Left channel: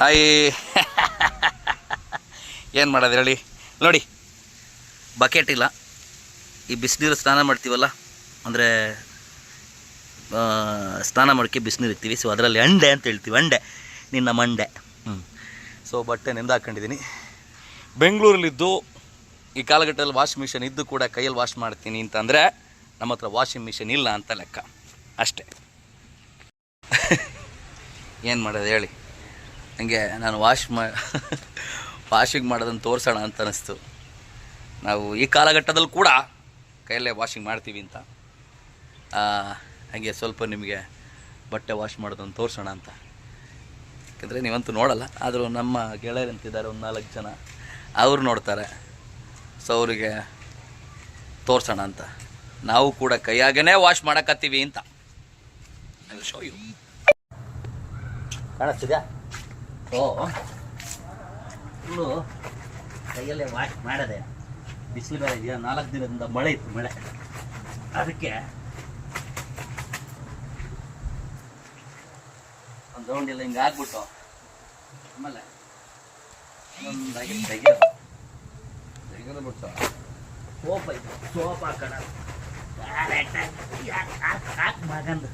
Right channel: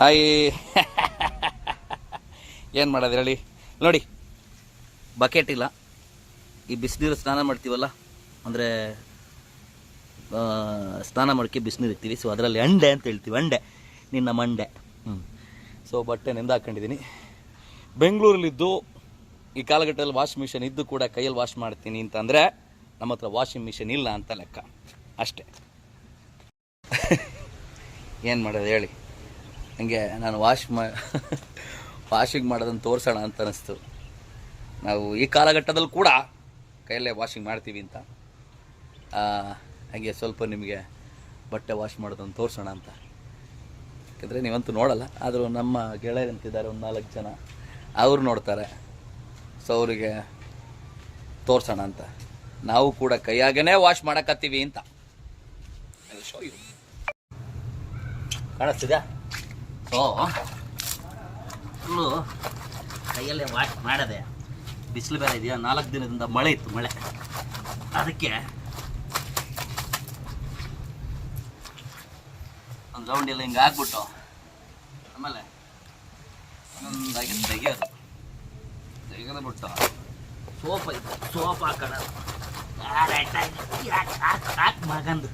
Hi ಏನು ಮಾಡೋದು ಹೇಳಿ ನೋಡಿ, ಬಕೆಟ್ ಇಲ್ಲ. ಈ ಬಿಸಿನೀರು ಸ್ನಾನ ಮಾಡ್ತೀವಲ್ಲ, ಅಂದರೆ ಸ್ನಾನ ಮಾಡೋಕ್ಕೆ ಬಿಸಿನೀರು ಇರ್ತೀವಿ. ಸೊ ಅದರಲ್ಲಿ ಅಂಡೆ ಅಂತ ಹೇಳ್ತೀವಿ, ಅಂಡೆ ನಿನ್ನ ಮಂಡೆ. ಸೊ ಬಟ್ಟೆ ನೆಂದು ಹಾಕ್ಕೊಂಡಿದ್ದೀನಿ. ಬೆಂಗಳೂರಲ್ಲಿದ್ದು ಈ ಕಾಲಘಟ್ಟದಲ್ಲಿ ವಾಷಿಂಗ್ ಮಿಷಿನ್ ಇದ್ದು ಕೂಡ ಕೈಯಲ್ಲಿ ವಾಶ್ ಮಾಡ್ತೀನಿ ಅಂತಂದರೆ ನಮ್ಮ ಹತ್ರ ವಾಷಿಂಗ್ ಮಿಷಿನ್ ಇಲ್ಲ ಅಂತ ಲೆಕ್ಕ ಅಷ್ಟೇ. ಏನು ಮಾಡೋದು ಹೇಳಿ, ಹಂಗೆ ನಾನು ವಾಷಿಂಗ್ ಮಾಡೋದನ್ನು ತೋರಿಸೋಣ ಅಂತ ಅನ್ನಿಸ್ತು. ನಾವು ಈ ಕಾಲಘಟ್ಟದಲ್ಲಿ ಕೂಡ ಕೈಯಲ್ಲೇ ವಾಷಿಂಗ್ ಮಾಡ್ತೀವಿ ಅಂತ, ಹಾಗೆ ಸ್ವಲ್ಪ ನಿಮಗೆ ಬಟ್ಟೆ ವಾಶ್ ಮಾಡೋದನ್ನು ತೋರಿಸೋಣ ಅಂತ. ಯಾಕಂದರೆ ನೀವಂತೂ ನೋಡಲ್ಲ, ಆದರೂ ನಮ್ಮ ಗೆಳೆಯರಂತಿದ್ದಾರೆ ಒಂದು 4 ಜನ, ಅವರು ನೋಡ್ತಾರೆ. ಸೊ ಅವರಿಗೆ ತೋರಿಸೋಣ ಅಂತ ನಾವು ಕೂಡ ಕೈಯಾಗೇ ವಾಶ್ ಮಾಡಕತ್ತೀವಿ ಅಂತ. ಶೋ ಯು ಕಾಣಿಸ್ತಿದ್ಯಾ? ಸೊ ಫುಲ್ಲು ಕೈಯಲ್ಲೇ ವಾಶ್ ಮಾಡದೆ. ಬಿಸಿಲು ಬೇರೆ ಇದೆಯಾ, 4 ದಿನದಿಂದ ಮಳೆ ಇತ್ತು, ಮಳೆ. ಅದಕ್ಕೆ ಒಂದು ರೌಂಡ್ ಎಲ್ಲ ಹಿಂಗೆ ಹಾಕ್ಬಿಟ್ಟು ಆಮೇಲೆ ಒಂದಾಗಿ ತೆಗೆದುಬಿಟ್ಟು ಸೋಪ್ ಹಾಕೋಣ. ಹಾಕಿ ಮಗಂದು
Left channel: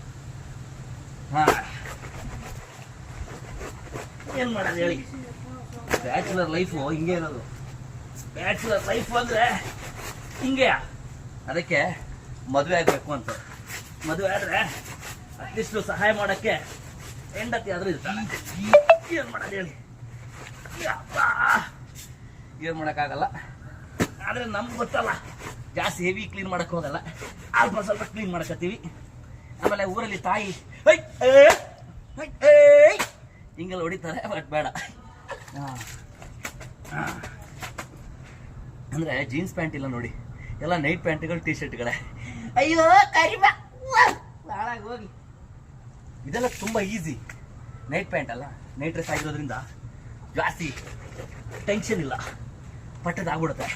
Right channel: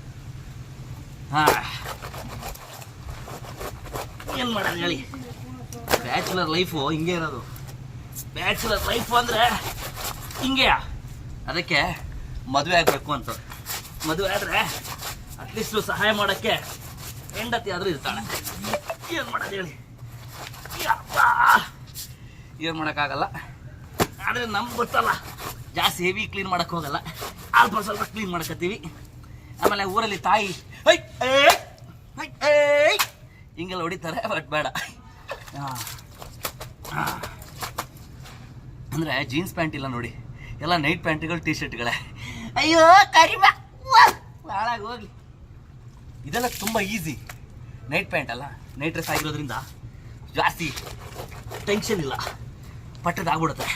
ಏನು ಮಾಡೋದು ಹೇಳಿ, ಬ್ಯಾಚುಲರ್ ಲೈಫು ಹಿಂಗೆ ಇರೋದು. ಬ್ಯಾಚುಲರ್ ಲೈಫು ಅಂದರೆ ಹಿಂಗೆ. ಅದಕ್ಕೆ ಮದುವೆ ಆಗಬೇಕು ಅಂತ. ಮದುವೆ ಆದರೆ ಅಟ್ಲೀಸ್ಟು ಸಹಾಯ ಮಾಡೋಕ್ಕೆ ಹೆಂಡತಿ ಆದರೂ ಇರ್ತಾಳೆ. ಏನು ಮಾಡೋದು ಹೇಳಿ, ಏನು ಮಾಡೋಕ್ಕಾಗಲ್ಲ. ಆದರೆ ನಮ್ಗೆ ಗೊತ್ತಲ್ಲ, ಜಾಸ್ತಿ ಹೆವಿ ಕ್ಲೀನ್ ಮಾಡೋಕ್ಕೆ ಹೋಗಲ್ಲ, ಅಲ್ಪ ಸ್ವಲ್ಪ ಕ್ಲೀನ್ ಮಾಡಕತ್ತೀವಿ. ಆಮೇಲೆ ಊರಲ್ಲಿ ತಾಯಿ ಹಿಂಗೆಲ್ಲ ಹೊಡಿತಾರೆ, ಬಟ್ ಬೇಡ. ಅಂದರೆ ಜೀನ್ಸ್ ಪ್ಯಾಂಟ್ ಇಲ್ಲ ನೋಡಿ, ಎಲ್ಲ ನೈಟ್ ಪ್ಯಾಂಟ್ಗಳು, ಟಿ ಶರ್ಟ್ಗಳೇ. ಅಯ್ಯೋ ಕರಿಮ ಹಾಳಾಗಿ ಹೋಗ್ಲಿ. ಇದೆಲ್ಲ ತುಂಬ ಈಸಿ. ನೈಟ್ ಪ್ಯಾಂಟ್ ಅಲ್ಲ, ನೈಟ್ ಡ್ರೆಸ್ ಆಗಿರೋದ್ರಿಂದ ಜಾಸ್ತಿ ಟೆನ್ಷನ್ ಇಲ್ಲ, ಪಟ್ಟದಾಗ್ಬಿಡುತ್ತೆ.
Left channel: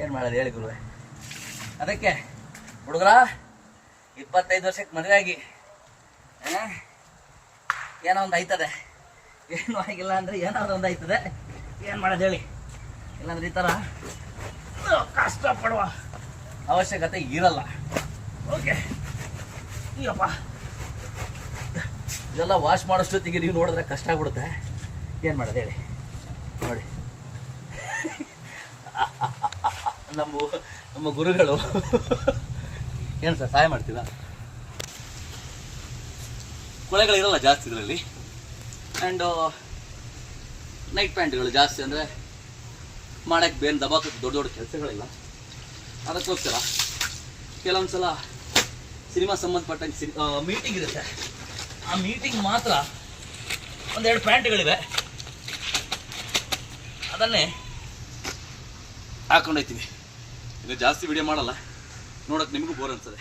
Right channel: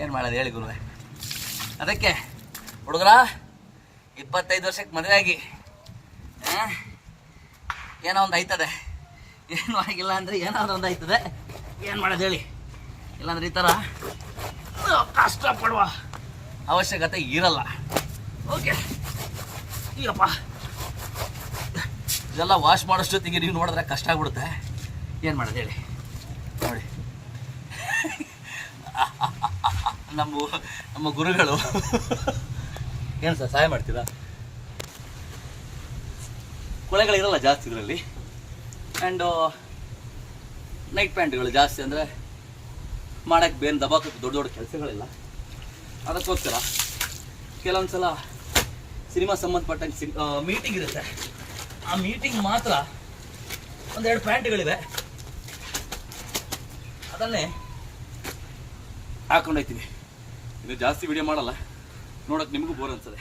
ಏನು ಮಾಡೋದು ಹೇಳಿ ಗುರುವೆ. ಅದಕ್ಕೆ ಹುಡುಗರ 25 ವರ್ಷಕ್ಕೆ ಮದುವೆ ಆಗಿ ಏನೋ ಒಂದು ಆಯ್ತದೆ, ಏನೂ ಆಗಿಲ್ಲ ಅಂದರೆ ಏನಾದರೂ ಒಂದು ಆಯ್ತದೆ. ಏನು ಮಾಡೋದು ಹೇಳಿ, ಇಲ್ಲಾಂದ್ರೆ ಈ ಥರ ಕಷ್ಟಪಡುವ ಅವಶ್ಯಕತೆ ಇರಲ್ಲ. ಓಕೆ, ಈಗಪ್ಪ ಇದೆಲ್ಲ ವಾಶ್ ಮಾಡೋಷ್ಟೊತ್ತಿಗೆ ನೀವು ನೋಡಿದ್ರೆ ಕಷ್ಟ ಆಗ್ಬಿಡುತ್ತೆ. ಏನು ಮಾಡೋದು ಹೇಳಿ. ನೋಡಿ ನಮ್ಮ ಗುರುಗಳು ಏನು ಸರ್ ಸಹಾಯ ಮಾಡ್ತಿದ್ದ. ಕೊಳೆಗಳಿರಲ್ಲ ಜಾಸ್ತಿ ಇದರಲ್ಲಿ. ಆ್ಯಂಡು ನೈಟ್ ಪ್ಯಾಂಟ್ಗಳು ಜಾಸ್ತಿ, ಅಂದರೆ ಮಾಡೋಕ್ಕೆ ಬೇರೆ ದಬಾಕಕ್ಕೆ ದೊಡ್ಡ ದೊಡ್ಡ ಕೆಲಸಗಳಿಲ್ಲ. ಅದಕ್ಕೋಸ್ಕರ ಕೆಲವೊಂದು ಸಲ ಸಿನಿಮಾ ಸಂಬಂಧಪಟ್ಟಂಗೆ ಮೀಟಿಂಗ್ ಇರುತ್ತೆ. ಆ ಮೀಟಿಂಗ್ ಮಾತ್ರ 1-2 ಪ್ಯಾಂಟ್ಗಳಿವೆ, ಅದನ್ನೇ ಹಾಕೊಂಡೋಗ್ತೀವಿ. ಈಗ ಜಾಸ್ತಿ ವಿಡಿಯೋ ಮಾಡಲ್ಲ, ನೋಡೋಕೆ ನಿಮಗೂ ಬೋರ್ ಅನ್ಸದೆ.